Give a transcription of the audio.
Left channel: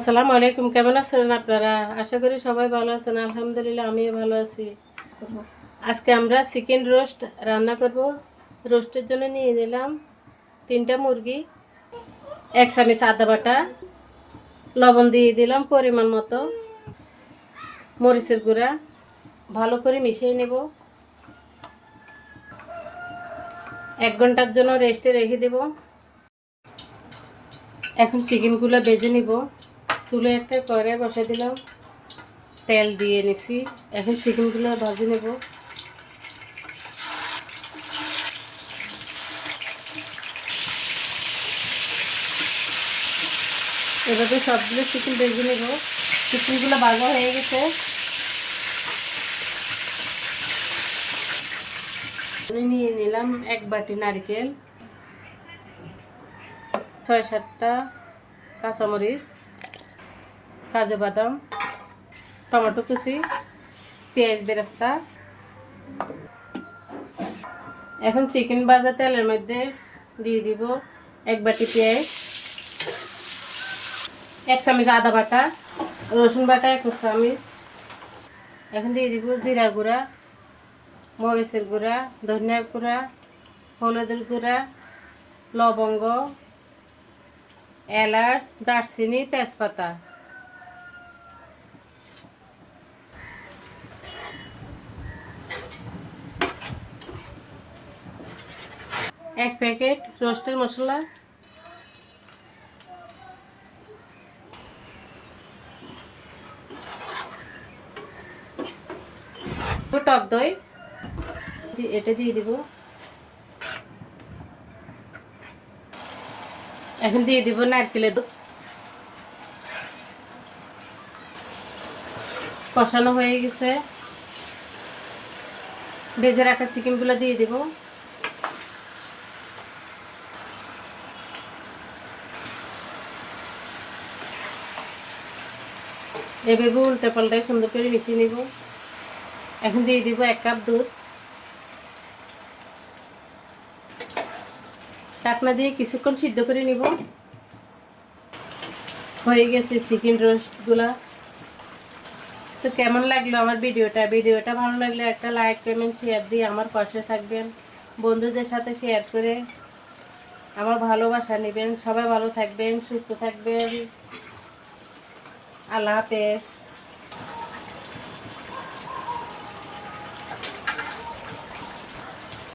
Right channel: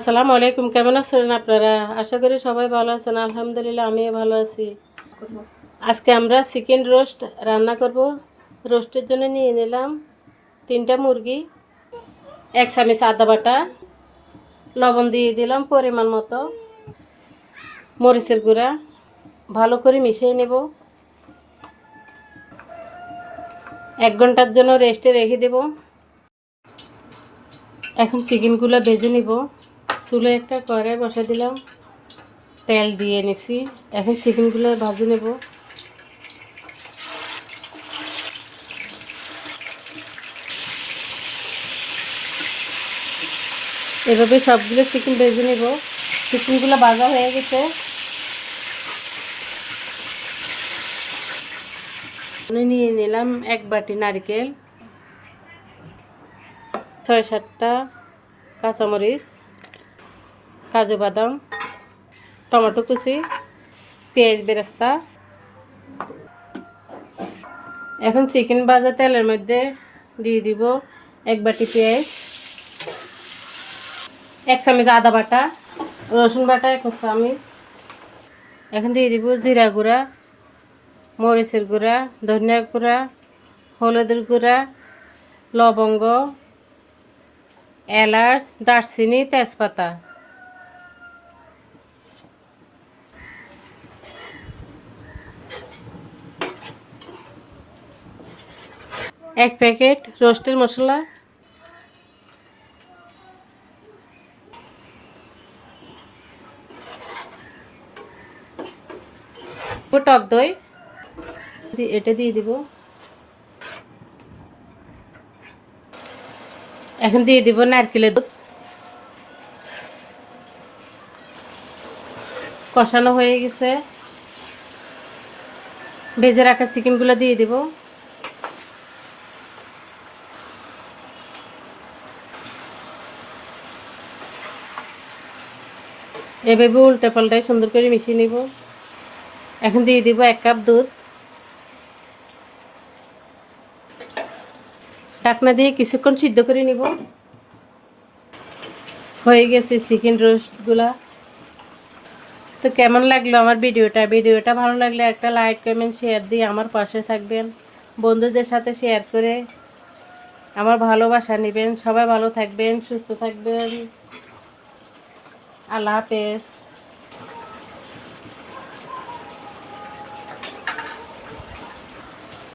আসসালামু আলাইকুম, কেমন আছেন আপনারা? আশা করি সবাই ভালো আছেন। আলহামদুলিল্লাহ আমিও ভালো আছি। আজকে আমরা চিকেন রোস্ট রান্না করব। রোস্টের জন্য নিয়ে নিলাম 3টা মুরগি, 1 চামচ আদা বাটা, লবণ দিয়ে দিলাম পরিমাণ মতো, মরিচের গুঁড়া, ভালো করে মিশিয়ে নেব। 1 ঘন্টার জন্য রেস্টে রেখে দেব। এখন চিকেনগুলো ভেজে নিব। চুলে একটা কড়াই বসা দিলাম, তেল দিয়ে নিছি। এখন চিকেনগুলো ভাজি নেব। এভাবে সবগুলো চিকেন ভেজে নেব। চিকেনগুলো ভাজা হয়ে গেছে। আমি নিয়ে নিলাম 1 বাটি নারকেল, 6-7টা কাঁচামরিচ, কাজু বাদাম, টমেটো কুচি, পেঁয়াজ বেরেস্তা। এখন চিকেন ভাজা তেলের মধ্যে দিয়ে দিব 1 বাটি পেঁয়াজ, 1 চামচ আদা বাটা, রসুন বাটা 1 চামচ। এখন দিয়ে দিব জিরা গুঁড়া, মরিচের গুঁড়া, ধনিয়ার গুঁড়া, হলুদের গুঁড়া, লবঙ্গ, এলাচ, দারচিনি, তেজপাতা। এক প্যাকেট রোস্টের মশলা, টক দই এটা দিয়ে দিব। এখন দিয়ে দিব নারকেলের দুধ। কষানো হয়ে গেছে। ভেজে রাখা চিকেনগুলো দিয়ে দিব। এভাবে উল্টে পাল্টায় সুন্দর করে মিশিয়ে নিব। এখন দিয়ে দিব 1 কাপ দুধ। ঢাকনা দিয়ে কিছুক্ষণ সিদ্ধ করে নিব। হয়ে গেছে চিকেন রোস্টগুলা। তো কেমন লাগলো আমার ভিডিওটা ভালো লাগলে একটা লাইক কমেন্ট শেয়ার দিয়ে আমার পাশে থাকবেন। বন্ধুদের সাথে শেয়ার করে আমার ভালোবাসা নেবেন। সবাই ভালো থাকবেন, সুস্থ থাকবেন। আল্লাহ হাফেজ।